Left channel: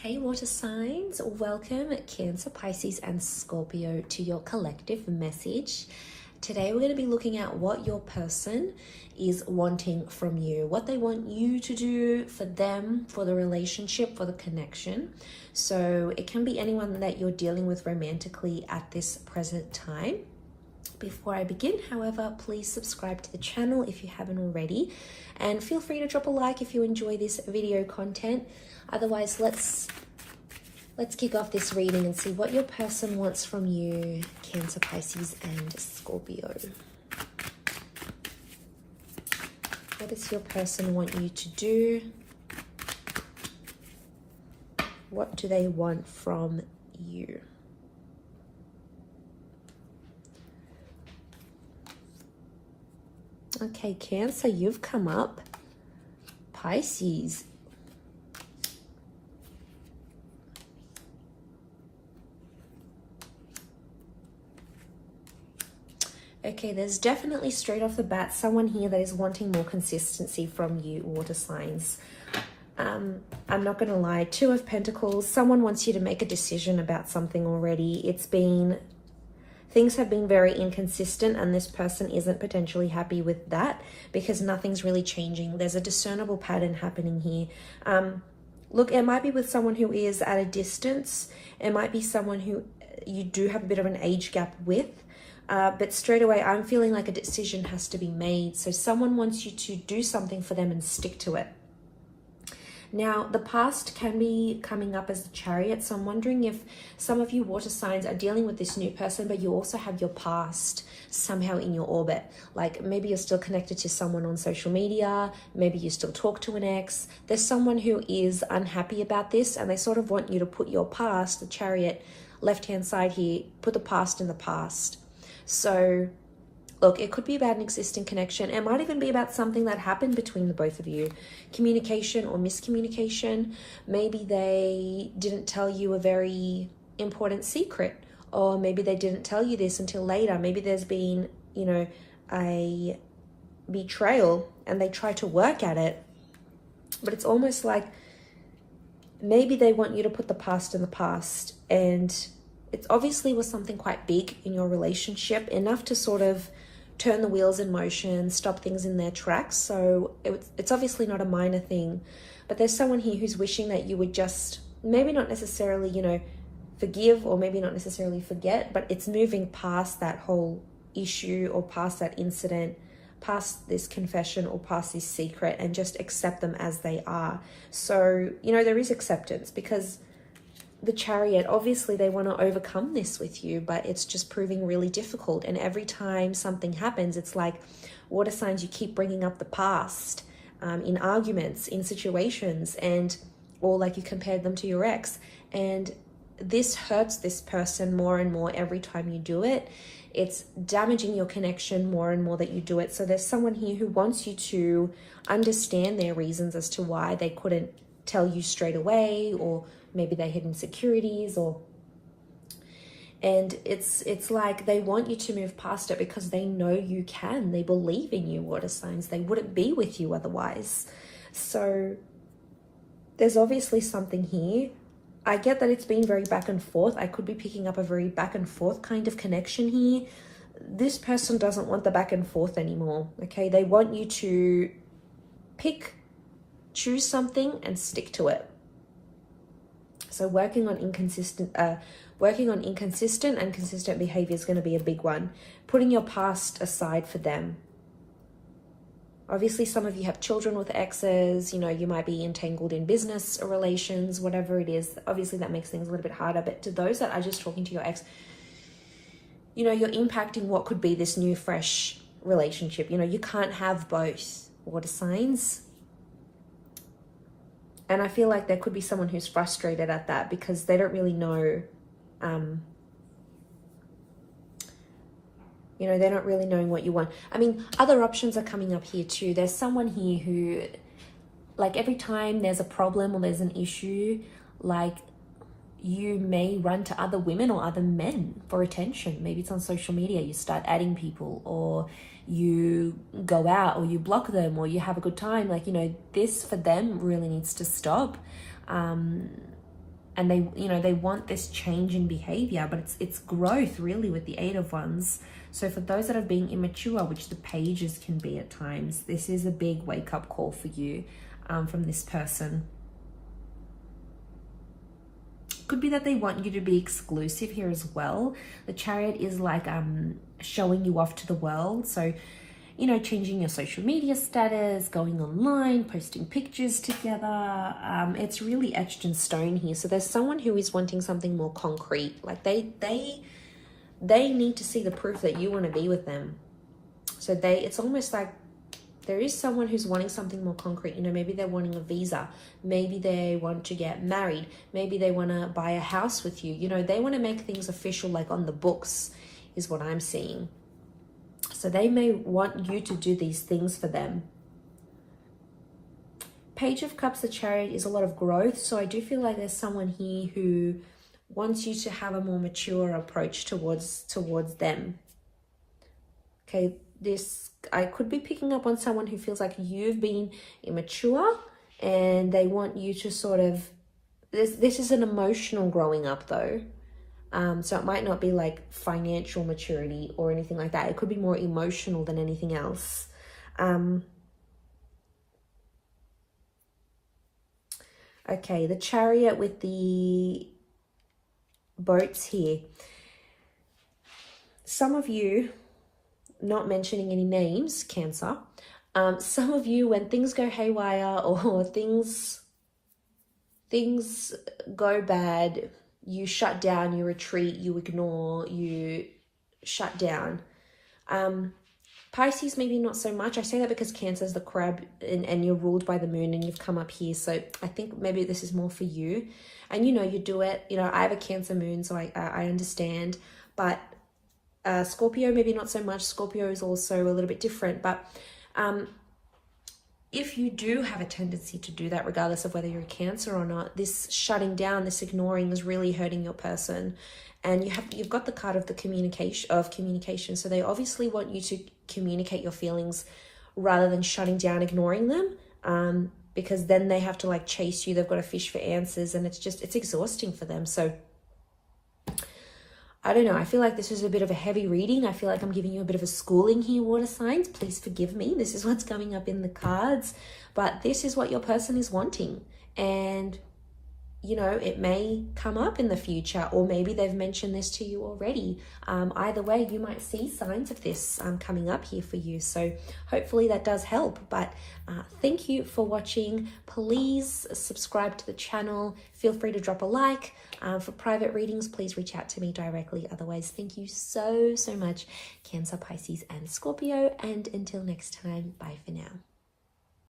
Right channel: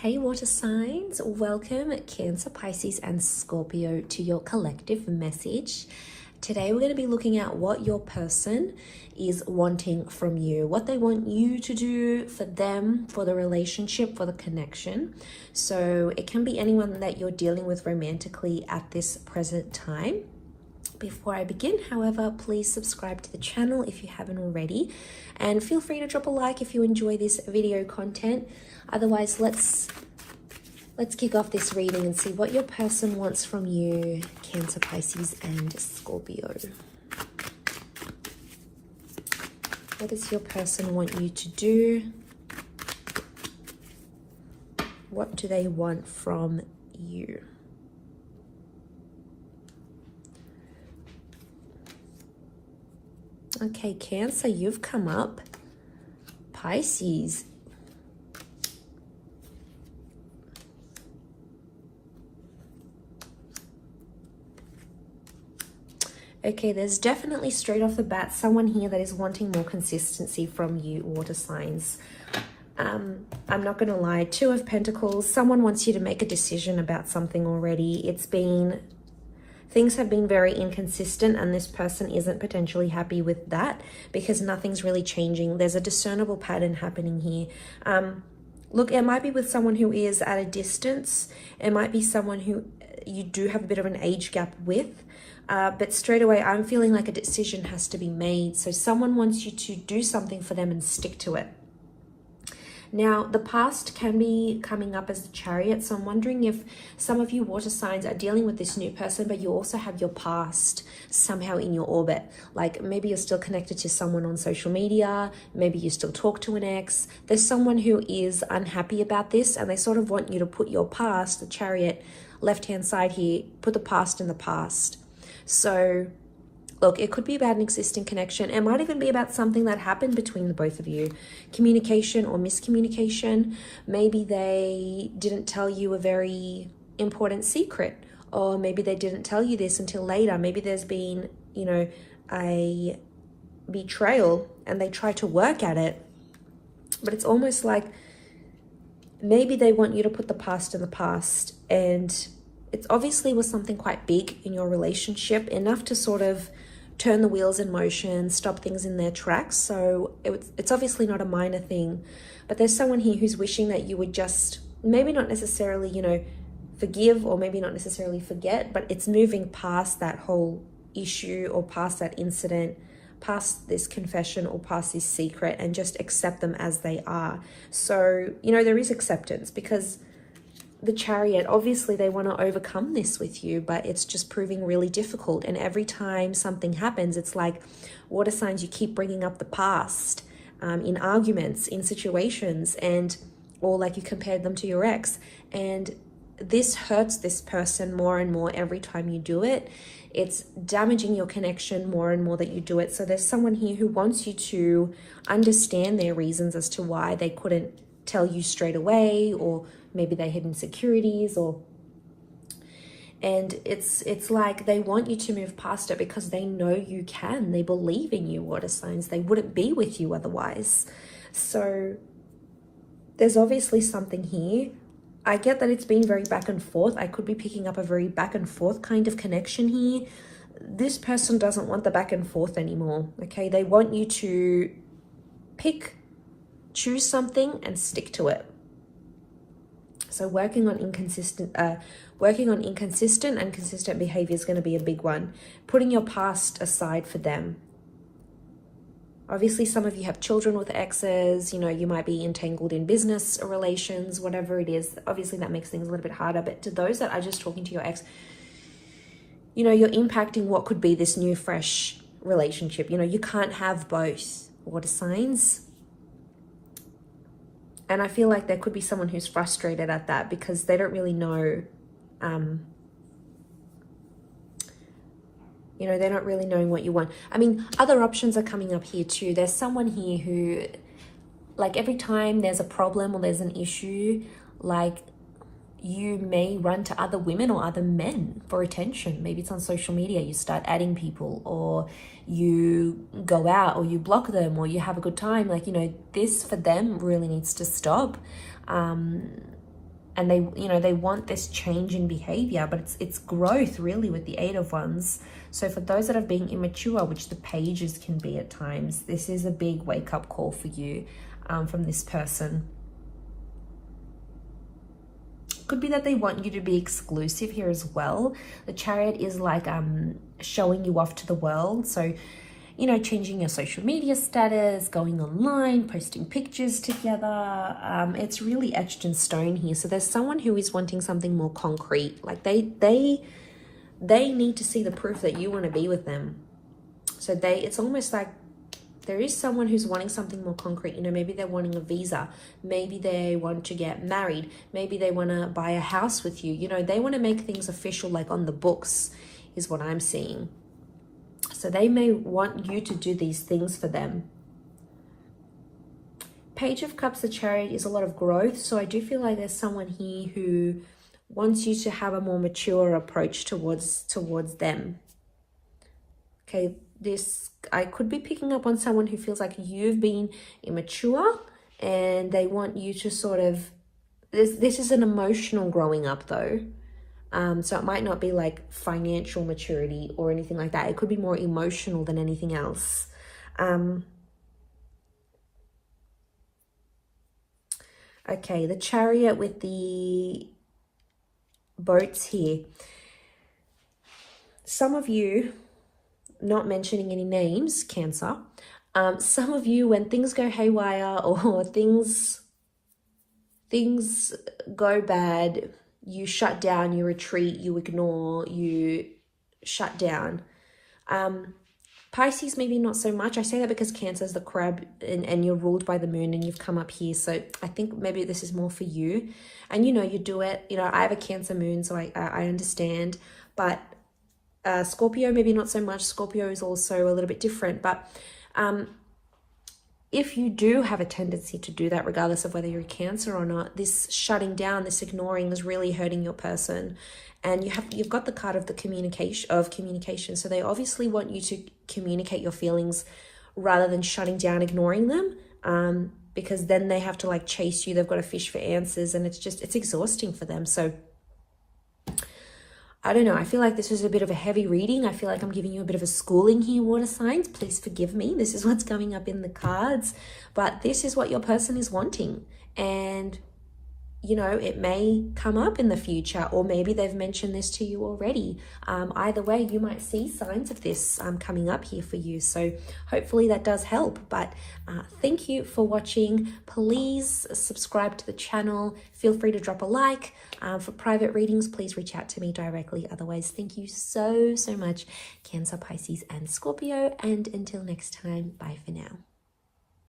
Hey water signs, welcome Cancer, Pisces and Scorpio to your collective message. Today we're going to be looking at what your person is wanting from you, what they want you to do for them, for the relationship, for the connection. So it can be anyone that you're dealing with romantically at this present time. Before I begin, however, please subscribe to the channel if you haven't already, and feel free to drop a like if you enjoy this video content. Otherwise, let's kick off this reading and see what your person wants from you, Cancer, Pisces and Scorpio. What does your person want you to do? What do they want from you? Okay, Cancer, you've come up. Pisces. Okay, there's definitely straight off the bat someone here that is wanting more consistency from you, water signs. I'm not going to lie, Two of Pentacles, someone wants you to make a decision about something already. Things have been very inconsistent and this person isn't potentially happy with that because nothing's really changing. There's a discernible pattern happening here. Look, it might be with someone who is at a distance. It might be someone who you do have a bit of an age gap with. But straight away, I'm feeling like a decision has to be made. So someone wants you to do something for them and stick to it. Now, the past can be coming up as the Chariot. So I'm wondering if some of you water signs are dealing with this new person, but you also have your past somehow in your orbit. Like maybe you're still connected to someone on social media. Maybe you still talk to an ex. There's someone who is unhappy about this and they sort of want you to put your past, the Chariot, left-hand side here, put the past in the past. So, look, it could be about an existing connection. It might even be about something that happened between the both of you. Communication or miscommunication. Maybe they didn't tell you a very important secret. Or maybe they didn't tell you this until later. Maybe there's been, a betrayal and they try to work at it. But it's almost like maybe they want you to put the past in the past, and it's obviously was something quite big in your relationship, enough to sort of turn the wheels in motion, stop things in their tracks. So it's obviously not a minor thing, but there's someone here who's wishing that you would just maybe not necessarily, forgive or maybe not necessarily forget, but it's moving past that whole issue or past that incident, past this confession or past this secret, and just accept them as they are. So, there is acceptance because the Chariot, obviously they want to overcome this with you, but it's just proving really difficult. And every time something happens, it's like water signs, you keep bringing up the past in arguments, in situations, or like you compared them to your ex. And this hurts this person more and more every time you do it. It's damaging your connection more and more that you do it. So there's someone here who wants you to understand their reasons as to why they couldn't tell you straight away, or maybe they had insecurities, and it's like they want you to move past it because they know you can. They believe in you, water signs. They wouldn't be with you otherwise. So there's obviously something here. I get that it's been very back and forth. I could be picking up a very back and forth kind of connection here. This person doesn't want the back and forth anymore, okay? They want you to choose something and stick to it. So working on inconsistent and consistent behavior is going to be a big one. Putting your past aside for them. Obviously, some of you have children with exes. You might be entangled in business relations, whatever it is. Obviously, that makes things a little bit harder. But to those that are just talking to your ex, you're impacting what could be this new, fresh relationship. You can't have both, water signs. And I feel like there could be someone who's frustrated at that because they don't really know, they don't really know what you want. I mean, other options are coming up here too. There's someone here who, like every time there's a problem or there's an issue, like you may run to other women or other men for attention. Maybe it's on social media, you start adding people, or you go out, or you block them, or you have a good time. Like, this for them really needs to stop. and they, you know, they want this change in behavior, but it's growth really with the 8 of Wands. So for those that are being immature, which the pages can be at times, this is a big wake-up call for you from this person. Could be that they want you to be exclusive here as well. The Chariot is like showing you off to the world. So, you know, changing your social media status, going online, posting pictures together. It's really etched in stone here. So there's someone who is wanting something more concrete. Like they need to see the proof that you want to be with them. So it's almost like there is someone who's wanting something more concrete. You know, maybe they're wanting a visa. Maybe they want to get married. Maybe they want to buy a house with you. You know, they want to make things official, like on the books, is what I'm seeing. So they may want you to do these things for them. Page of Cups, the Chariot, is a lot of growth. So I do feel like there's someone here who wants you to have a more mature approach towards them. Okay, I could be picking up on someone who feels like you've been immature and they want you to sort of, this is an emotional growing up though. So it might not be like financial maturity or anything like that. It could be more emotional than anything else. Okay, the Chariot with the boats here. Some of you, not mentioning any names, Cancer, some of you, when things go haywire or things go bad, you shut down, you retreat, you ignore, you shut down. Pisces, maybe not so much. I say that because Cancer is the crab and you're ruled by the moon and you've come up here. So I think maybe this is more for you. And, you know, you do it. You know, I have a Cancer moon, so I understand. But Scorpio, maybe not so much. Scorpio is also a little bit different. But if you do have a tendency to do that, regardless of whether you're a Cancer or not, this shutting down, this ignoring is really hurting your person. And you've got the card of the communication. So they obviously want you to communicate your feelings rather than shutting down, ignoring them. Because then they have to like chase you. They've got to fish for answers, and it's exhausting for them. So I don't know. I feel like this was a bit of a heavy reading. I feel like I'm giving you a bit of a schooling here, water signs. Please forgive me. This is what's coming up in the cards. But this is what your person is wanting. And, you know, it may come up in the future, or maybe they've mentioned this to you already. Either way, you might see signs of this coming up here for you. So hopefully that does help. But thank you for watching. Please subscribe to the channel. Feel free to drop a like. For private readings, please reach out to me directly. Otherwise, thank you so much, Cancer, Pisces, and Scorpio. And until next time, bye for now.